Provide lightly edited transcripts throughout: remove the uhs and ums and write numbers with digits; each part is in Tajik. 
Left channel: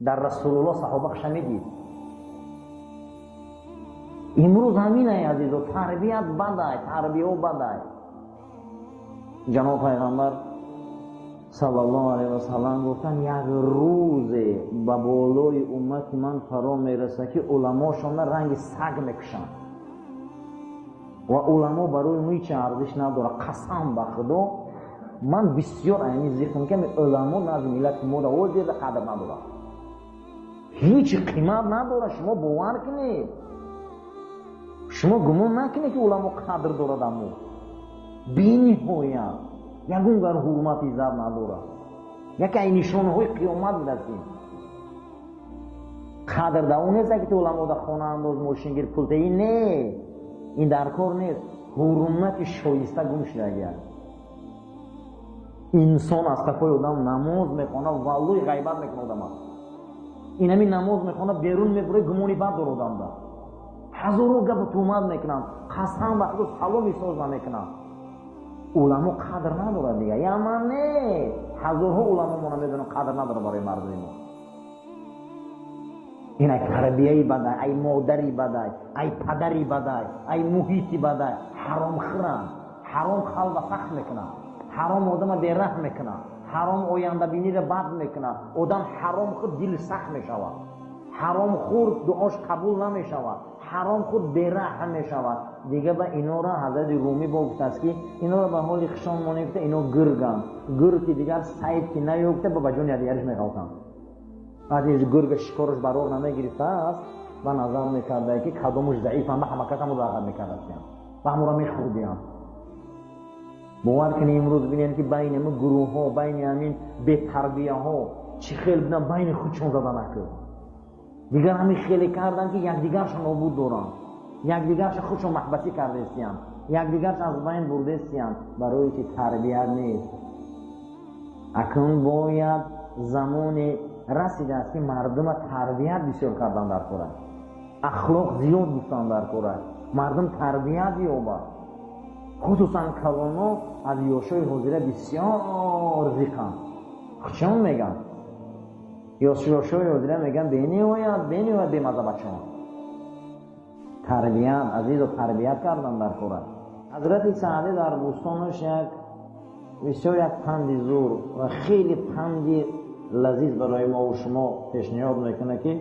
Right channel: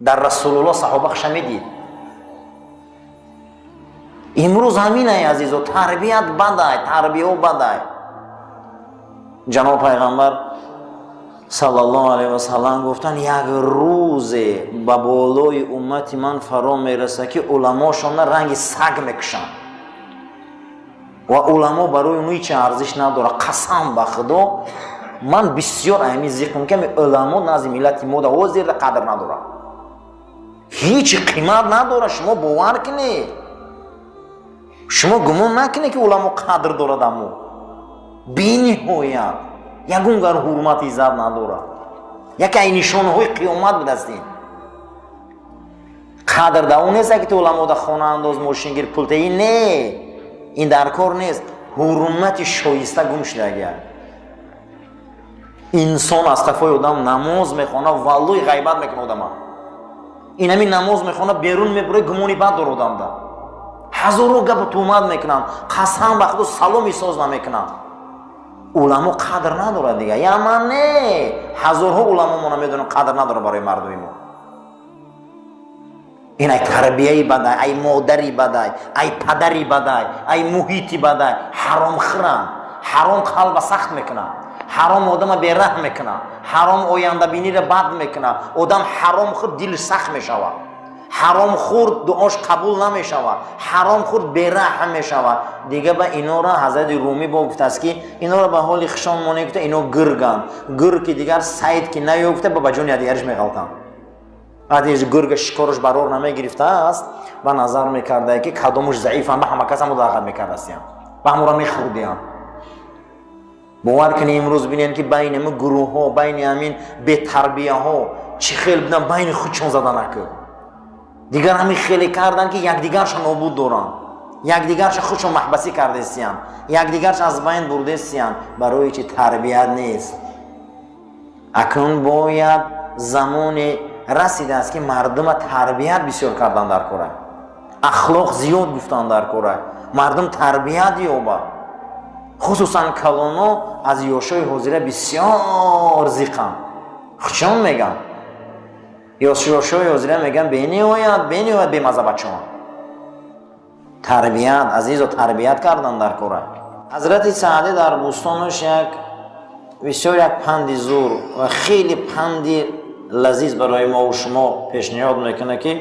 дар Расулуллоҳ саҳоба шамидид. имрӯз ҳаминай азизо, тарбият бадай, тарбияо бадай. ҷаноб пайғамбар саллаллоҳу алайҳи васаллам гуфтанд, як рӯзе ба болои уммати ман фаро мераса ки уламошона ранги саг мекушанд ва уламо барои оно ҳеҷ арзиш надорад. қасам ба худо, ман бисёр аҳамият зикр мекунам, уламо назди миллати мода ҳозирда қадр надорад, ҳеҷ қимат надорад. шумо бовар кунед, шумо гумон накунед ки уламо қадр дорад, аммо бениҳоят ягон гар ҳурмат иззат надорад. яке ай нишонаҳои қиёмат будастин. қадр да он нест ки ту уламода хонаандоз, мошингир, пултаи не, ин дар кор нест. ҳурмати шоиста гум шудагия. инсон аз қафои одам намоз мехона, валлои ғайбат мекуна одама. ин ҳамин намоз мехона, берун мебуре, гумони бад дор одамда. ҳазоро гапу тӯҳмат мекунанд, қасам ба худо саломи соз намекунанд. уламо қадр надорад дига. яман не, ҳазорҳо уламо мо намедонем қадр надорад барои мардуми мо. ин ай тарбияи бадай, ай модари бадай, ай падари бадай, ай муҳити бадай. ҳаромхӯранд, ҳаром қалба сахт мекунад, ҳаром одама бераҳм мекунад, ҳаром ояндабиниро бад мекунад. одам ҳаромхӯр дилш сахт мешавад, ҳаромхӯр дуош қабул намешавад, ҳаромхӯр бераҳм мешавад. дига ба инора ҳазрати румӣ бо гуфтааст ки инора ба ҳоли хишон монем гуфта, ино гирганд. гирг ки дигар сайд ки наёфта ба ҷони дигараш меғалтанд. вақте гирга шикораш барор намегирифтааст, ба назар мекарда ки кадомуш заифанд, ба ҳама кас ҳамо дағат мекардастиянд, ба ҳамора мехӯрдиянд. бовар кунед имрӯз бинед ки байни мо гурӯҳҳо, байни ҳамин бетарбияҳо чӣ хел буданд, байни худшон заданаку. дигар ҳамин хеле карданд ки якдигарша нобуд доранд, якдигарша худшон маҳбасӣ кардастиянд, якдигарша аз байн бурдастиянд. барои чӣ? тарбият нест. акнун бояд замоне расидааст ки мардума тарбият бисёр кардан дар кора, ахлоқ зиёд гуфтан дар кора. мардум тарбият ёбад. хусусан калоно аз ёшои ҳозира бисёр зиқанд, худшон меган. ёшои ҳозира меган бениҳоят бемаза бачаон. тарбият азизо, тарбият кардан дар кора. ҳазрати Саъдӣ дар бӯстонаш бисёр як панди зур ва хеле панди лазиз барои мову шумо пешниҳод мекунад ки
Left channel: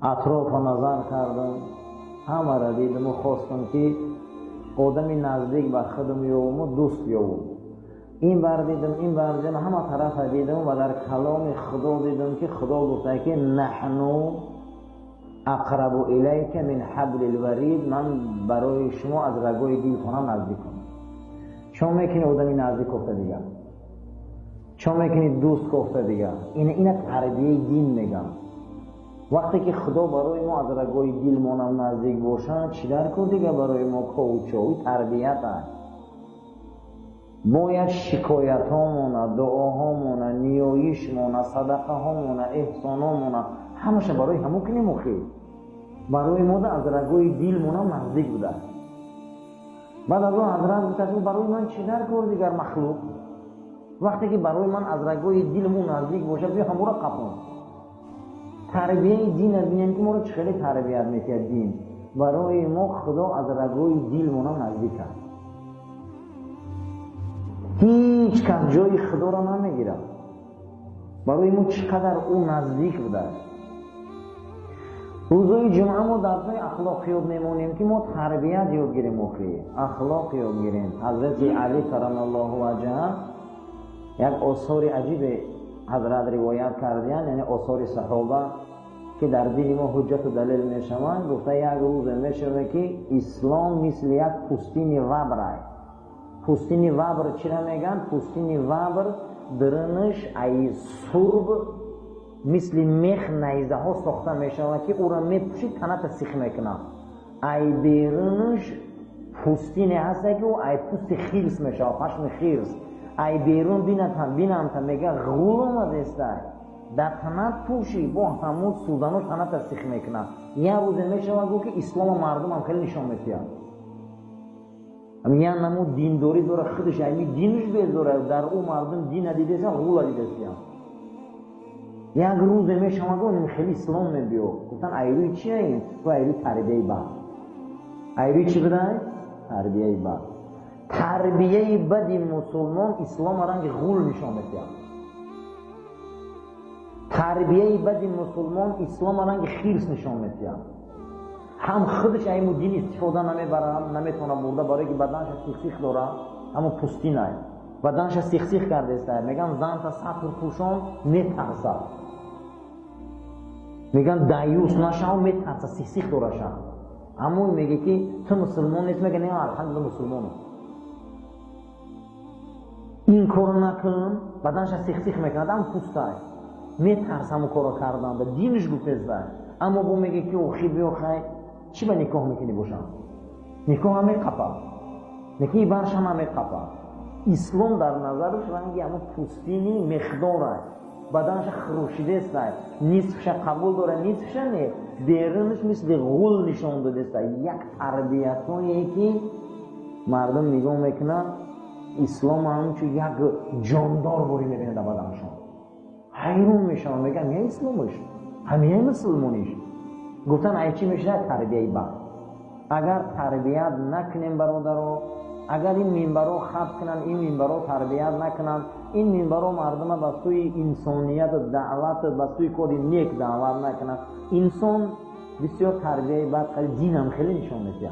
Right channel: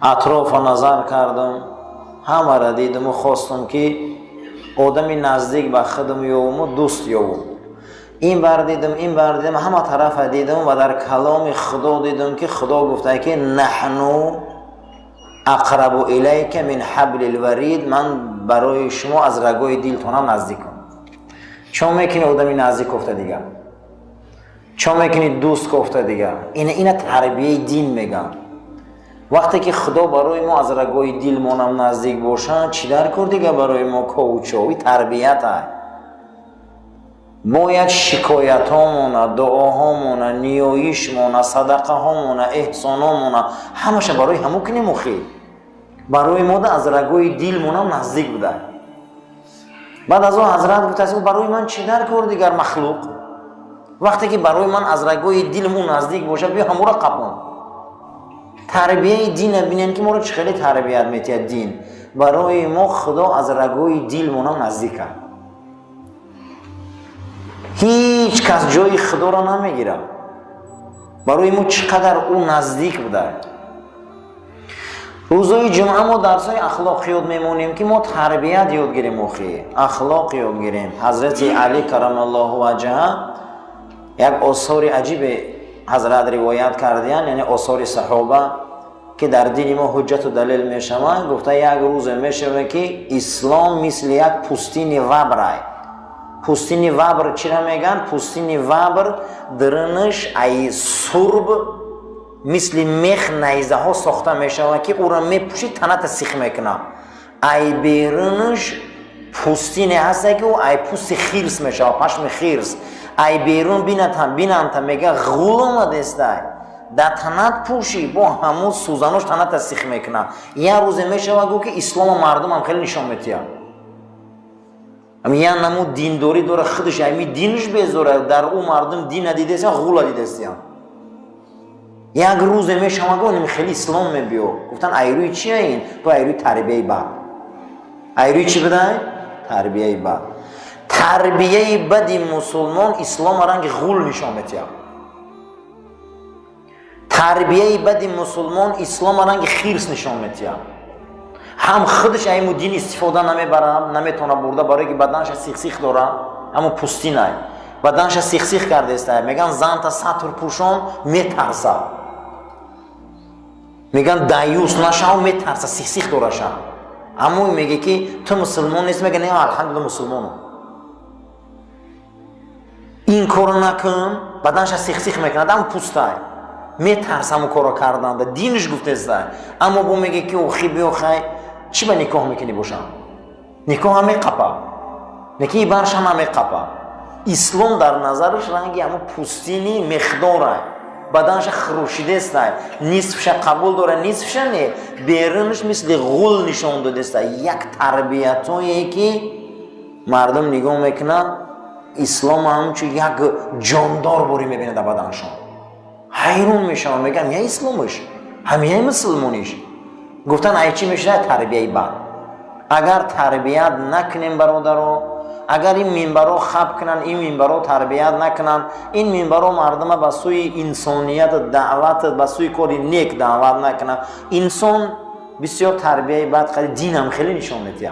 атрофа назар кардам, ҳамаро дидиму хостам ки одами наздик ба худам ёвуму дӯст ёвум. ин бар дидам, ин бар дидам, ҳама тарафа дидам ва дар каломи худо дидам ки худо гуфта ки наҳну ақрабу илайка мин ҳаблил варид. ман барои шумо аз рагои дилтонам наздикам. чон мекунӣ одами наздик кофта дигар, чон мекунӣ дӯст кофта дигар. ина тарбияи дин меган. вақте ки худо барои мо аз рагои дилмонам наздик бошад, чӣ дар кор дига барои мо ковучови тарбията. бояд шикоятҳомона, дуоҳомона, ниёишмона, садақаҳомона, эҳсономона ҳамаша барои ҳамо кунем охир. барои мода аз рагои дилмонам наздик буда. баъд аз он ҳазрат гуфтааст, барои ман чӣ дар кор дигар махлуқ. вақте ки барои ман аз рагои дилмон наздик бошад, биё ҳаморо қапон. тарбияи дина бинен ки моро чӣ хеле тарбият метиҳад дин. барои мо худо аз рагои дилмонам наздик кард. ҳеҷ кас ҷои худоро намегирад. барои мо чӣ қадар ӯ наздик буда. рӯзои ҷумъа мо дарсои ахлоқ ёд мемонем ки мо тарбият ёд гирем, охи ахлоқ ёд гирем. ҳазрати Али каррамаллоҳу ваҷҳа як осори аҷибе ҳазрат ривоят кардиянд, яъне осори саҳоба ки дар дини мо ҳуҷҷату далел мешаванд. гуфта як рӯзе мешавад ки ислом мисли як пустини вабрай. пустини вабр чира меган? пустини вабр дырнаш ай сурб мисли мех найзаҳо сохта мешавад ки ӯро мепӯши таната сих мекуна. ай берунаш пустине ҳаста ки ӯ ай пӯсти хирс мешавад, пашми хирс. ай берун бинанта мега ғуломадестай да танат пӯши бо ҳамо сӯзанош таната сих мекуна. як рӯзе мешавад гӯ ки ислома мардумам хеле нишон метиҳад. я намо диндорӣ дора худаш ами динш безора, дар ӯ мардум дина дидестиян, ғула дидестиян. یک روز میشم خیلی اسلام میبیو گفتن ایروی چیه این؟ تو ایروی تربیه بد. ایروی چی بدن؟ تربیه بد. تربیه بدی مسلمان اسلام رنگ غول نشان میده. تربیه بدی مسلمان اسلام رنگ خیرس نشان میده. هم خودش ایمو دین استفاده نمیبره، نمیتونه برده برای که بدنش سیخ داره، اما پوستی نه. بدنش سیخ کرده است. میگن زن تا سطر پوشان میترسه. میگن دایوس نشو میترسه سیخ داره شم. اما میگه که تو مسلمان نیست، میگه نه الحمدلله مسلمانم. این کارو نکن بدنش سیخ میکنه، اما پوسته. میترسه اون کارو کردن. دینش گفته است. اما بو میگه که اوخی بیوخی چی به نکاح میکنی باشم؟ نکاح همه قپا. نکاح برش همه قپا. اسلام در نظرش رنگی همه پوستینی مقداره. بدنش خروشیده است. نصفش قبول داره، نصفش نه. بیرونش مثل غول نشان داده است. یک تربیتایی که مردم نگاه میکنه اسلام همچون یک جاندار باری میبینه در بدنشان. حیرون میشن میگن یا اسلامش همین مسلمانیش. گفتن ای چی میشه؟ تربیه بد. اگر تربیت نکنیم برادرو، اگر این منبرو خب کنن، این منبرو تربیت نکنن، این منبرو مردم به سوی انسانیت دعوت، به سوی کاری نیک دعوت نکنن، انسان بسیار تربیه بد خیلی دین هم خیلی نشان میده.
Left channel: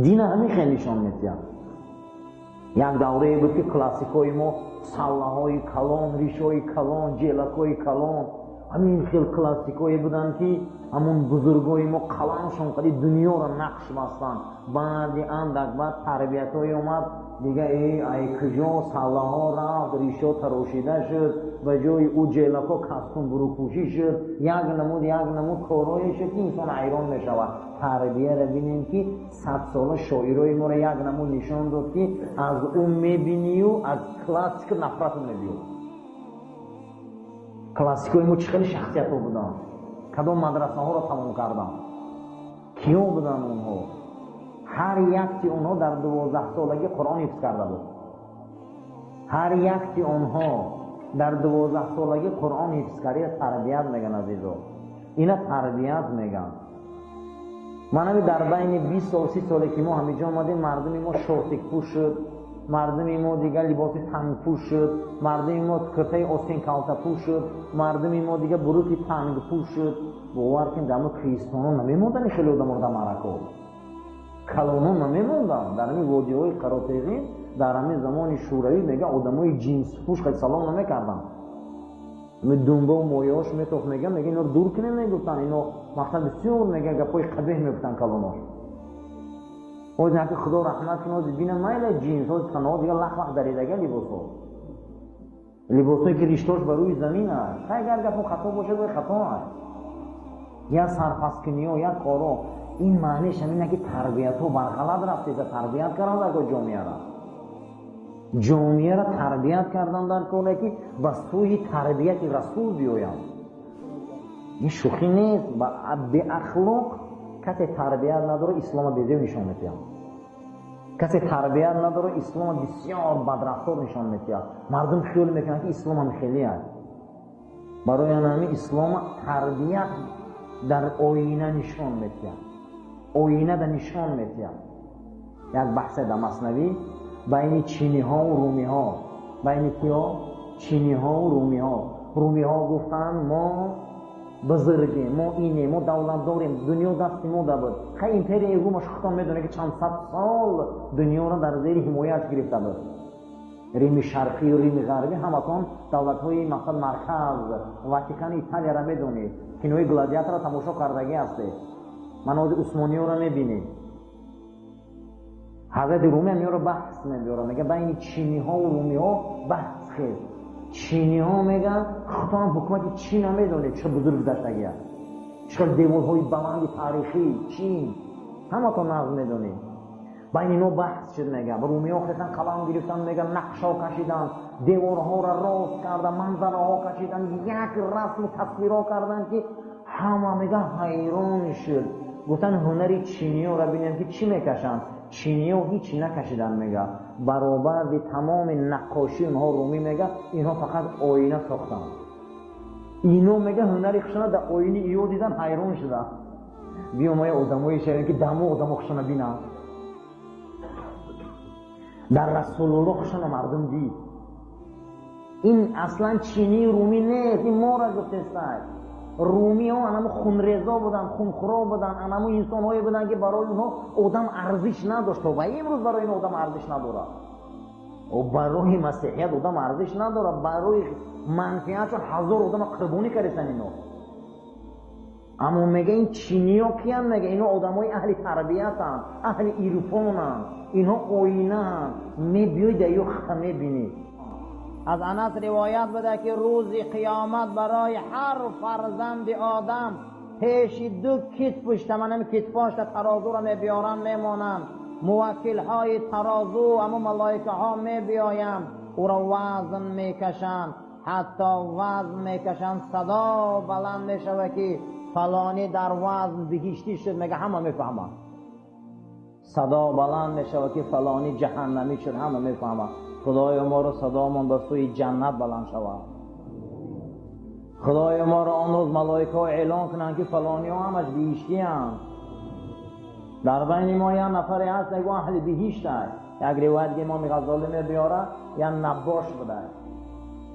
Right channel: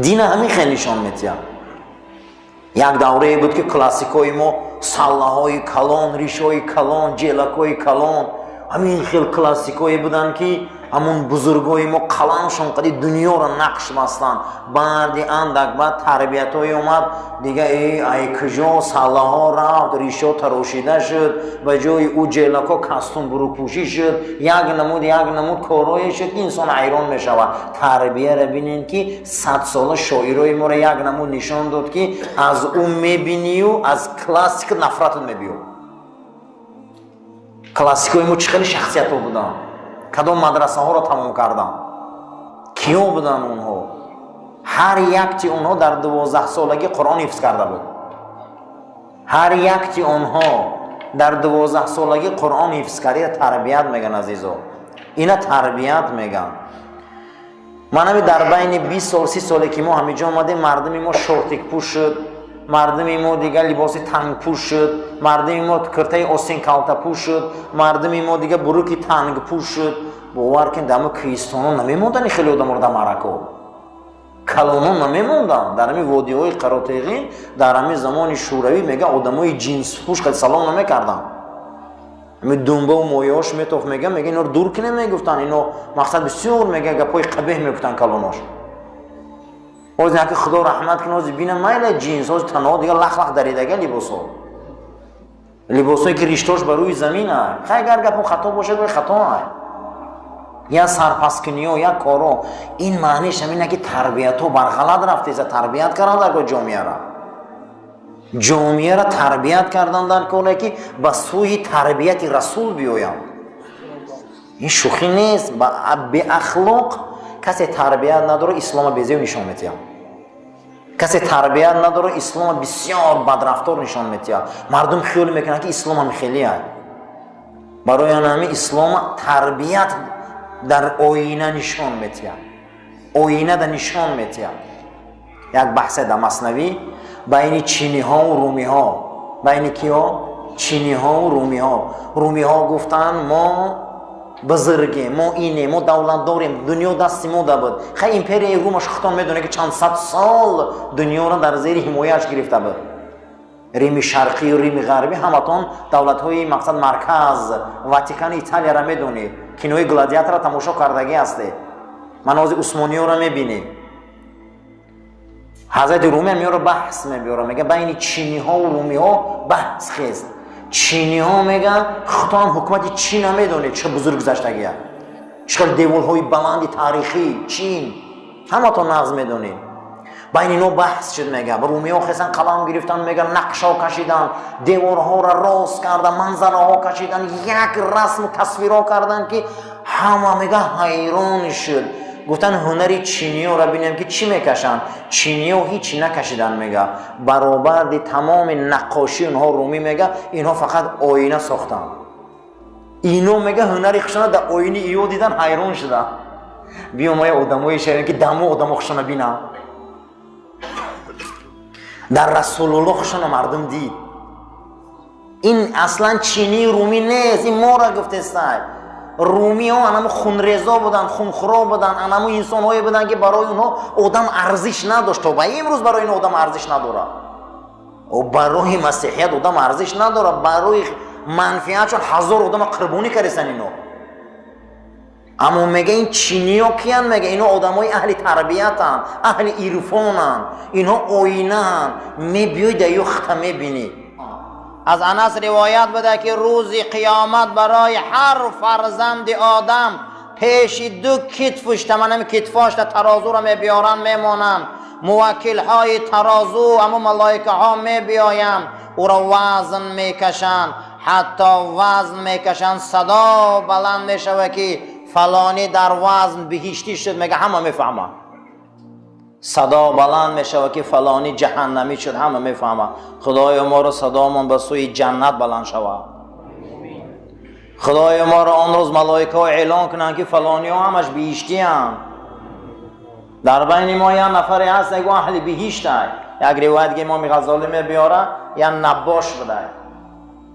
دین همین خیلی نشان میده. یک دوره بود که کلاسیکای ما سلاهای کلان، ریشای کلان، جلکای کلان، همین خیلی کلاسیکایی بودن که همون بزرگای ما کلانشون قدی دنیا را نقش بستن. بعد اندک بعد تربیتای اومد دیگه ای کجا سلاها رفت، ریشا تراشیده شد، به جای او جلکا کاستوم بروپوشی شد، یک نمود کارایی شد که انسان حیران میشود. تربیه را بینین که 100 ساله شاعرای ما را یک نمود نشان داد که از اون میبینی و از کلاسیک نفرت میبینی. کلاسیکای ما چه خیلی شخصیت ها بودن، کدام مدرسه ها را تمام کردن، کیا بودن اونها؟ هر یک اونها در 12 سالگی قرآن حفظ کرده بود. هر یک اونها در 12 سالگی قرآن حفظ کرده. تربیت میگن عزیزو، اینا تربیت میگن. من همی در بین 20 سال 30 سالی که ما همینجا آمدیم، مردم ما شورتک پوش شد، مردم ما دیگه لباس تنگ پوش شد، مردم ما کرته آستین کالتا پوش شد، مردم ما دیگه بروکی تنگ پوش شد. باور کن دم کریستیانو نمیموندن، خیلی آدم مورد مرکو کلانو نمیموندن. در همین وادی‌های قراتیقین در همین زمان شوروی میگه آدمای جنس پوش خیلی سلام نمیکردن. می دنبه و مویاش میتوف میگه اینا رو دور کنه، میگفتن اینو مقصد بسیار میگه گپای قبیح میگفتن کلاناش. اوز نه که خدا رحمت کنه، اوز بینه مایل جنس، اوز تنها دیگه لخ دریدگه لباسایی که ریشتاش بر روی زمین هست. خیلی اگر گپ خطا باشه باید خطا هست. یا سرپسکنی و یا کارو. این معنیش همینه که تربیت رو برغلط رفته است. تربیت کردن در جامعه را تربیت کردن در کنه که به سوی تربیت رسول بیایم. این شوخی نیست. به اخلاق کسی تربیت نداره اسلام بیزیو نشان میده. کسی تربیت نداره اسلام بسیار بدرفتار نشان میده. مردم خیال میکنن که اسلام هم خیلی است. برای همین اسلام تربیت در آینه نشان میده. آینه در نشان میده. یک بحث در مثنوی بین چینی ها و رومی ها. بین کیا؟ چینی ها و رومی ها. رومی ها گفتن ما بزرگه، ما اینه، ما دولت داریم، دنیا دستی ما بود. خیلی امپری رومش خودتان میدونه که چند صد سال دنیا را در زیر حمایه‌اش گرفته بود. ریم شرقی و ریم غربی همتون دولت های مقصد مرکز واتیکان ایتالیا را میدونید. کینوی گلادیاتور را تماشا کردگی هسته. مناظر عثمانی را میبینید. حضرت رومی هم رو بحث میبره، میگه بین چینی ها و رومی ها بحث خیست. چینی ها میگن خدا هم حکومت چین هم میدونه چه بزرگ گذشتگی هست، چقدر دیوال های بلند تاریخی چین همه تا نظم میدونید. بین اینا بحث شد. میگه رومی ها خیستن قلم گرفتن، میگن نقشه ها کشیدن، دیوار ها را راست کردن، منظره ها کشیدن، یک رسم و تصویر ها کردن که همه میگه حیران شد. گفتن هنری چینی ها را بینیم که چی میکشن. چینی ها هیچی نکشیدن. میگه برابر دی تمام نقاشی اونها رومی میگه اینها فقط آینه ساختن. اینو میگه هنری خشونه در آینه ایو دیدن حیران شده. بیام ما آدمای شهرن که دمو آدم خشونه بینم. در رسول الله خشونه مردم دید. این اصلا چینی رومی نیست، این ما را گفته است. رومی ها انمو خونریزا بودن، خونخورا بودن، انمو انسان هایی بودن که برای اونها آدم ارزش نداشت. و امروز برای این آدم ارزش نداره. و برای مسیحیت آدم ارزش نداره. برای منفعت چون هزار آدم قربانی کردن اینو. اما میگه این چینی ها کیان؟ میگه اینا آدم های اهل تربیتن، اهل عرفانن، اینها آینه‌ان. میبیای در یو خطه میبینی. از انس روایت بده که روز قیامت برای هر فرزند آدم پیش دو کتفش، تمام کتفاش ترازو را میبیارن میمانن. موکل های ترازو اما ملائکه ها میبیاین او را وزن میکشن، حتی وزن میکشن صدا بلند میشوه که فلانی در وزن بهشتی شد. میگه همه میفهمه. صدا بلند میشوه که فلانی جهنمی شد، همه میفهمه. خدای ما را صدامون به سوی جنت بلند شوه. خدای ما را آن روز ملائکه ها اعلان کنن که فلانی ها همش بهشتی هم. در بین ما یه نفری هست که اهل بهشت است. یک روایت که امام غزالی میبیاره یا نباش بوده.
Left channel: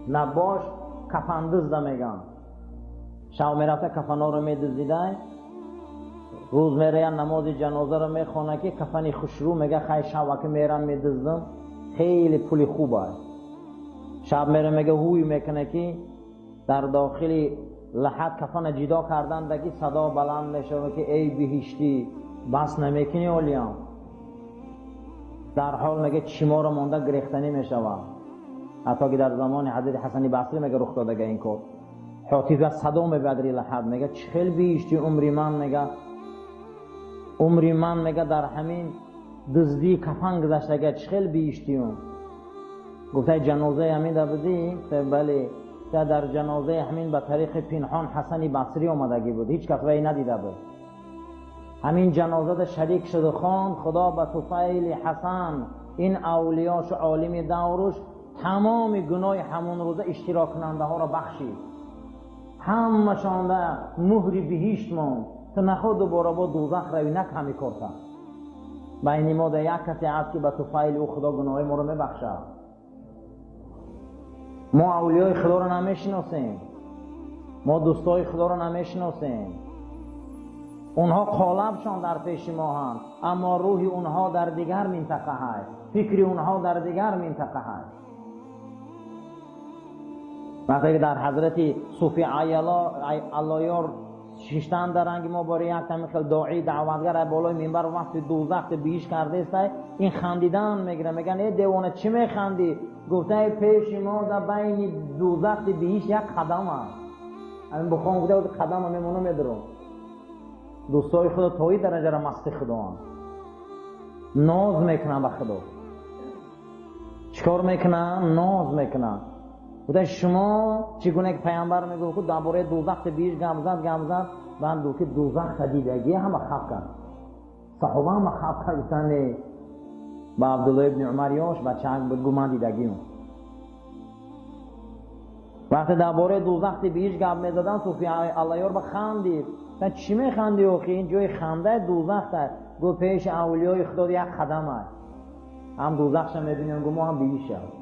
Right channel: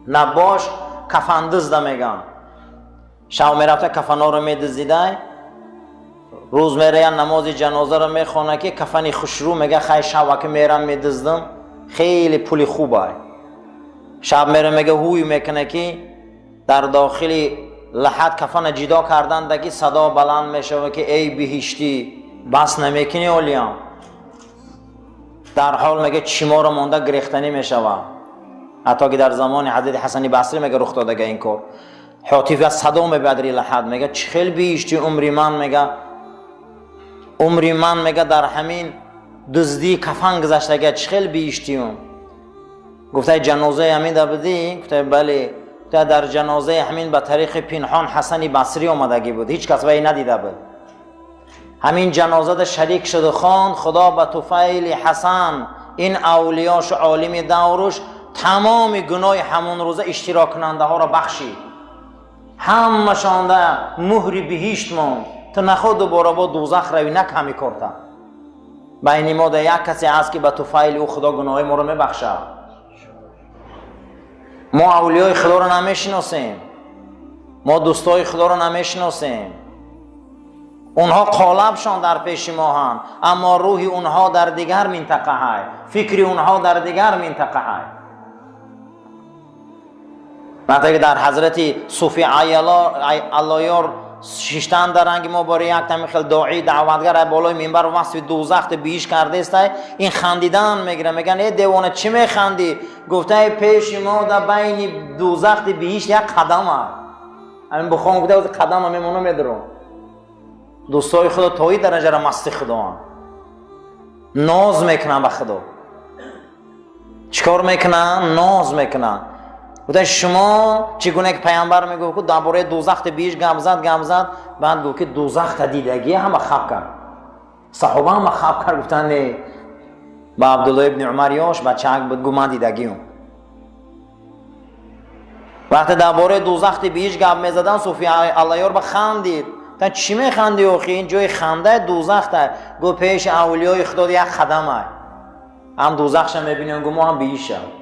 نباش کفن دزده میگن. شب میرفته کفنا رو میدزدیده، روز میره نماز جنازه رو میخونه که کفنی خوشرو. میگه خیلی شب که میرم میدزدم خیلی پولی خوبه. شب میره میگه هوی میکنه که در داخل لحد کفن جدا کردن دکی صدا بلند میشه که ای بهشتی بس نمیکنی اولیام. در حال میگه چیما رو مونده گریختنی میشوه. حتی که در زمان حضرت حسن بصری میگه رخ داده این کار. حاطف از صدا میبدری لحد میگه چخیل بهشتی عمری من. میگه عمری من میگه در همین دزدی کفن گذشته. چخیل بهشتیم؟ گفته جنازه همین در بدی؟ گفته بله. در جنازه همین به طریق پنهان حسن بصری آمدگی بود، هیچ کس وی ندیده بود. همین جنازه در شریک شده خواند خدا به طفیل حسن این اولیاش و عالم دورش تمام گناه همون روزه اشتراک کننده ها را بخشید. همشان در مهر بهشت ماند تا نخود دوباره با دوزخ روی نکمی کرده. بین ما در یک کسی هست که به طفیل او خدا گناه ما رو میبخشه. ما اولیای خدا رو نمیشناسیم، ما دوستای خدا رو نمیشناسیم. اونها قالبشان در پیش ما هم، اما روح اونها در دیگر منطقه های، فکر اونها در دیگر منطقه های. مثلا در حضرت صوفی علیار شیشتن در رنگ ما برای یک تمیخل داعی دعوتگر بالای منبر وصف دوزخ بیش کرده است. این خندیدن میگیره، میگن ای دیوانه چی میخندی؟ گفته پیش ما در بین دوزخ بیش یک قدم است. همین بخوام گفته قدم هم میمونه میدرم. دوستای خدا تایی درجه را مست خدا هم ناز میکنن به خدا. چیکار میکنن؟ ناز میکنن. گفته شما چگونه که پیامبر میگه که درباره دوزخ بیش گپ زد بعد گفت که دوزخ تا دیدگی همه خواب کرد. صحابه هم خواب کرد. گفتن نه. با عبدالله ابن عمر یاش بچه بود گفت من دیدگیم. وقتی درباره دوزخ بیش گپ میزدن صوفی علیار بخندید. تا چی میخندی آخی؟ این جای خنده دوزخ ده. گفت پیش اولیای خدا یک قدم است. هم دوزخش میبینیم گفت ما هم بیش شد.